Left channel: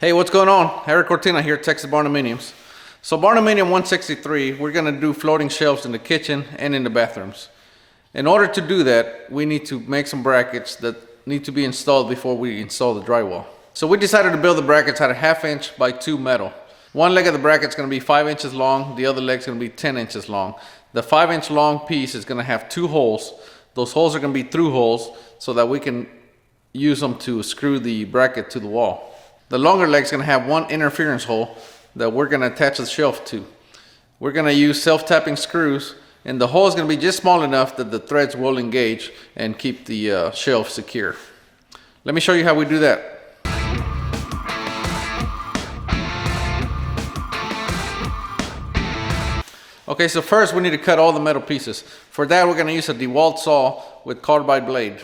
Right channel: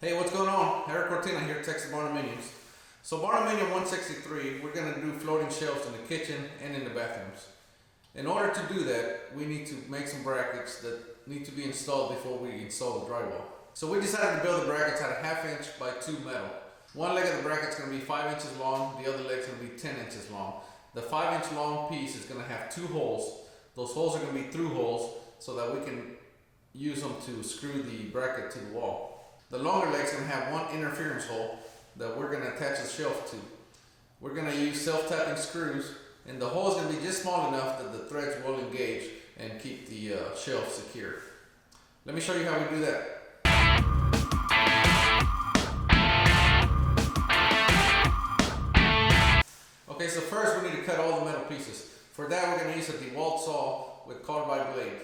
Hey, what's going on? Eric Cortina here at Texas Barndominiums. So Barndominium 163, we're going to do floating shelves in the kitchen and in the bathrooms. In order to do that, we need to make some brackets that need to be installed before we install the drywall. So we decided to build the brackets at a 1/2 inch by 2 metal. One leg of the bracket is going to be 5 inches long, the other leg is going to be 10 inches long. The 5-inch long piece is going to have 2 holes. Those holes are going to be through holes so that we can use them to screw the bracket to the wall. The longer leg is going to have one interference hole that we're going to attach the shelf to. We're going to use self-tapping screws, and the hole is going to be just small enough that the threads will engage and keep the shelf secure. Let me show you how we do that. Okay, so first we need to cut all the metal pieces. For that, we're going to use a DeWalt saw with carbide blade.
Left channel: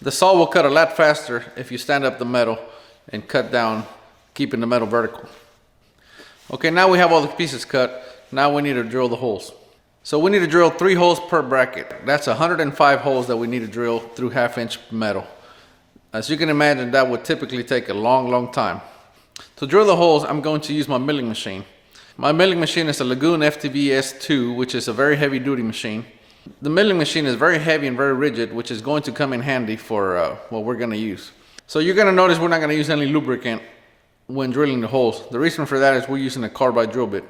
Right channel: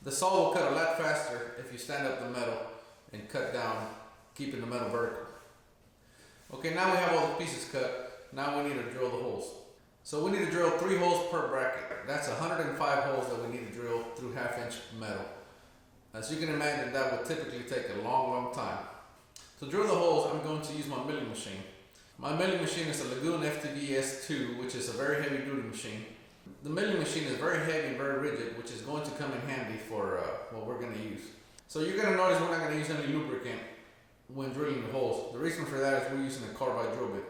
The saw will cut a lot faster if you stand up the metal and cut down, keeping the metal vertical. Okay, now we have all the pieces cut. Now we need to drill the holes. So we need to drill 3 holes per bracket. That's 105 holes that we need to drill through 1/2 inch metal. As you can imagine, that would typically take a long time. To drill the holes, I'm going to use my milling machine. My milling machine is a Lagoon FTV S2, which is a very heavy duty machine. The milling machine is very heavy and very rigid, which is going to come in handy for what we're going to use. So you're going to notice we're not going to use any lubricant when drilling the holes. The reason for that is we're using a carbide drill bit.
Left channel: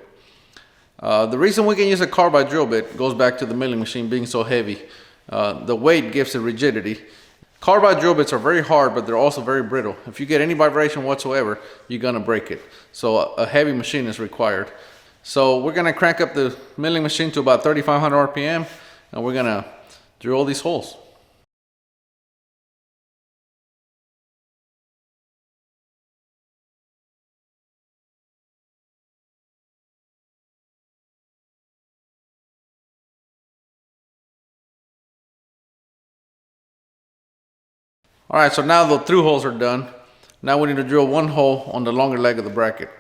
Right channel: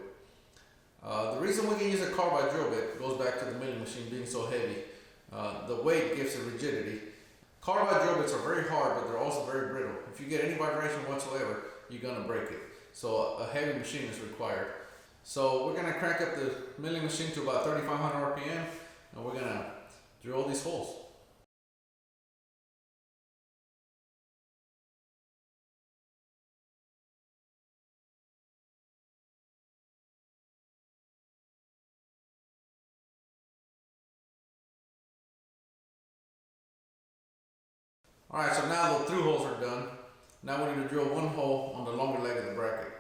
The reason we can use a carbide drill bit goes back to the milling machine being so heavy. The weight gives it rigidity. Carbide drill bits are very hard, but they're also very brittle. If you get any vibration whatsoever, you're going to break it. So a heavy machine is required. So we're going to crank up the milling machine to about 3,500 RPM, and we're going to drill these holes. All right, so now the through holes are done. Now we need to drill 1 hole on the longer leg of the bracket.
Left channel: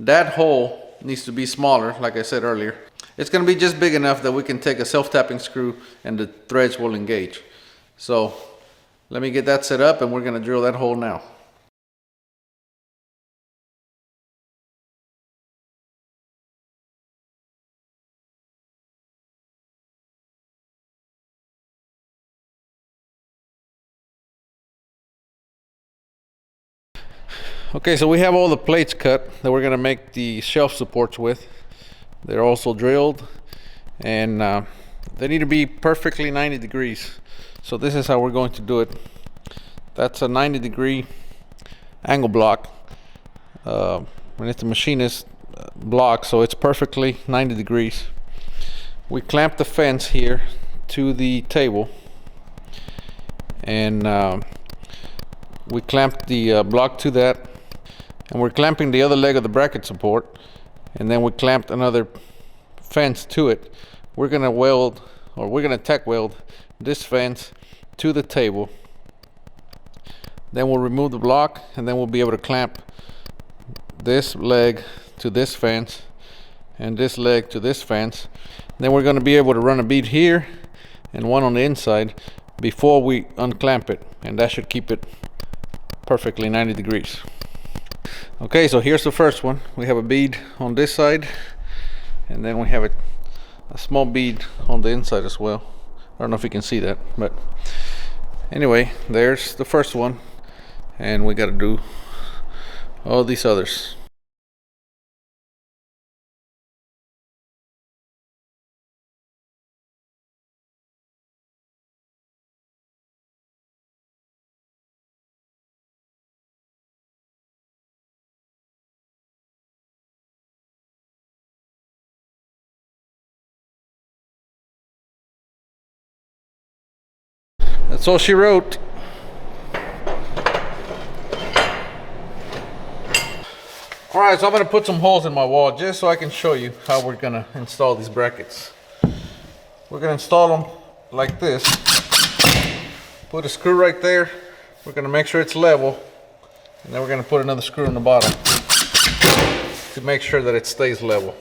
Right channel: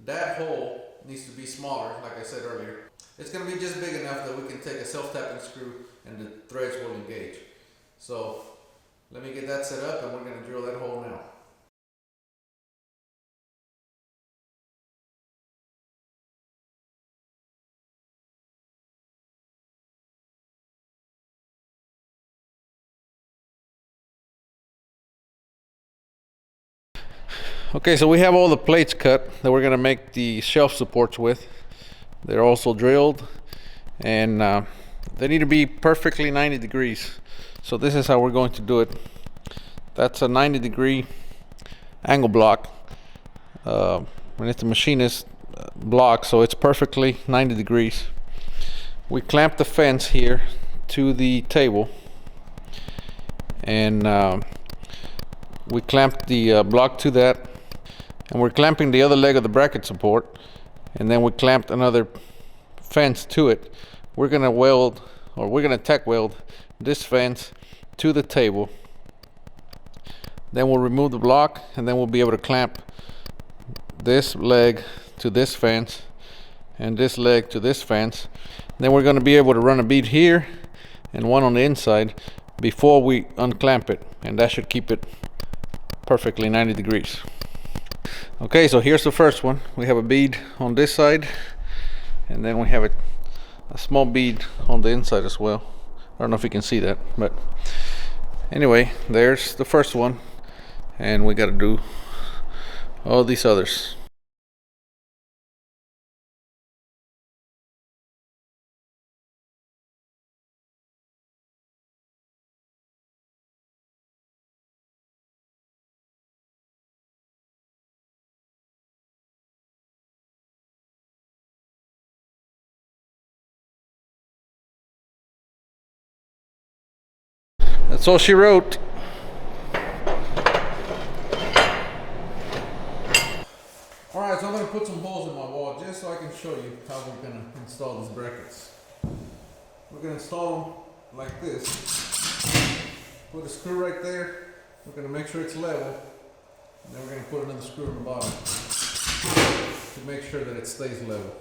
That hole needs to be smaller, like I said earlier. It's going to be just big enough that we can take a self-tapping screw and the threads will engage. So let me get that set up and we're going to drill that hole now. Okay, so we have all the plates cut that we're going to make the shelf supports with. They're also drilled, and they need to be perfectly 90 degrees. So this is how we're going to do it. That's a 90-degree angle block. And it's a machinist block, so it's perfectly 90 degrees. We clamp the fence here to the table, and we clamp the block to that. And we're clamping the other leg of the bracket support, and then we clamped another fence to it. We're gonna weld, or we're gonna tack weld this fence to the table. Then we'll remove the block, and then we'll be able to clamp this leg to this fence and this leg to this fence. Then we're gonna be able to run a bead here and one on the inside before we unclamp it, and that should keep it perfectly 90 degrees. Okay, so here's the first one. We have a bead on this side, and then we have a small bead on the inside as well. I don't know if you can see that, but anyway, there's the first one, and we got to do all these others. That's all she wrote. Alright, so I'm going to put some holes in my wall just so I can show you how we're going to install these brackets. We're going to install them like this. Put a screw right there. We're going to make sure it's level. And then we're going to put another screw in the bottom to make sure that it stays level.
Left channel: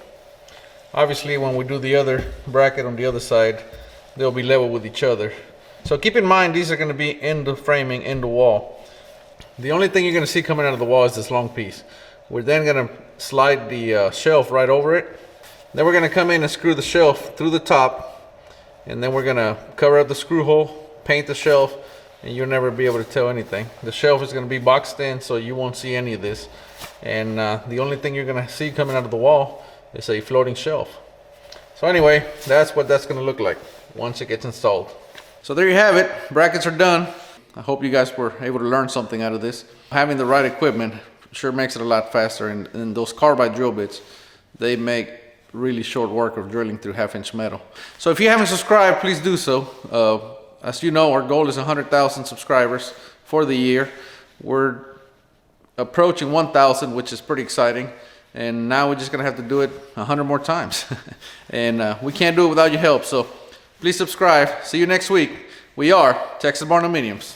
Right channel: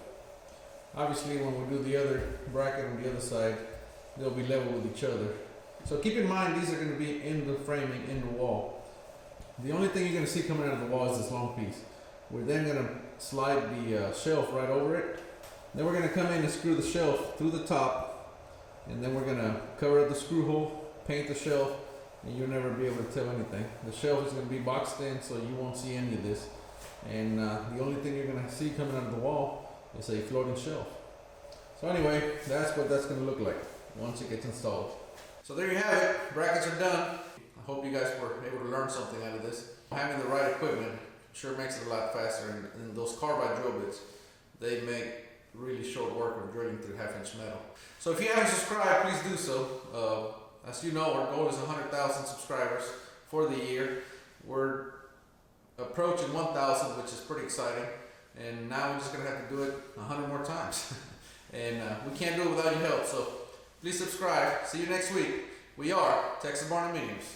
Obviously, when we do the other bracket on the other side, they'll be level with each other. So keep in mind, these are going to be in the framing, in the wall. The only thing you're gonna see coming out of the wall is this long piece. We're then gonna slide the shelf right over it. Then we're gonna come in and screw the shelf through the top, and then we're gonna cover up the screw hole, paint the shelf, and you'll never be able to tell anything. The shelf is gonna be boxed in, so you won't see any of this. And the only thing you're gonna see coming out of the wall is a floating shelf. So anyway, that's what that's gonna look like once it gets installed. So there you have it, brackets are done. I hope you guys were able to learn something out of this. Having the right equipment sure makes it a lot faster, and those carbide drill bits, they make really short work of drilling through 1/2-inch metal. So if you haven't subscribed, please do so. As you know, our goal is 100,000 subscribers for the year. We're approaching 1,000, which is pretty exciting. And now we're just gonna have to do it 100 more times. And we can't do it without your help, so please subscribe. See you next week. We are Texas Barndominiums.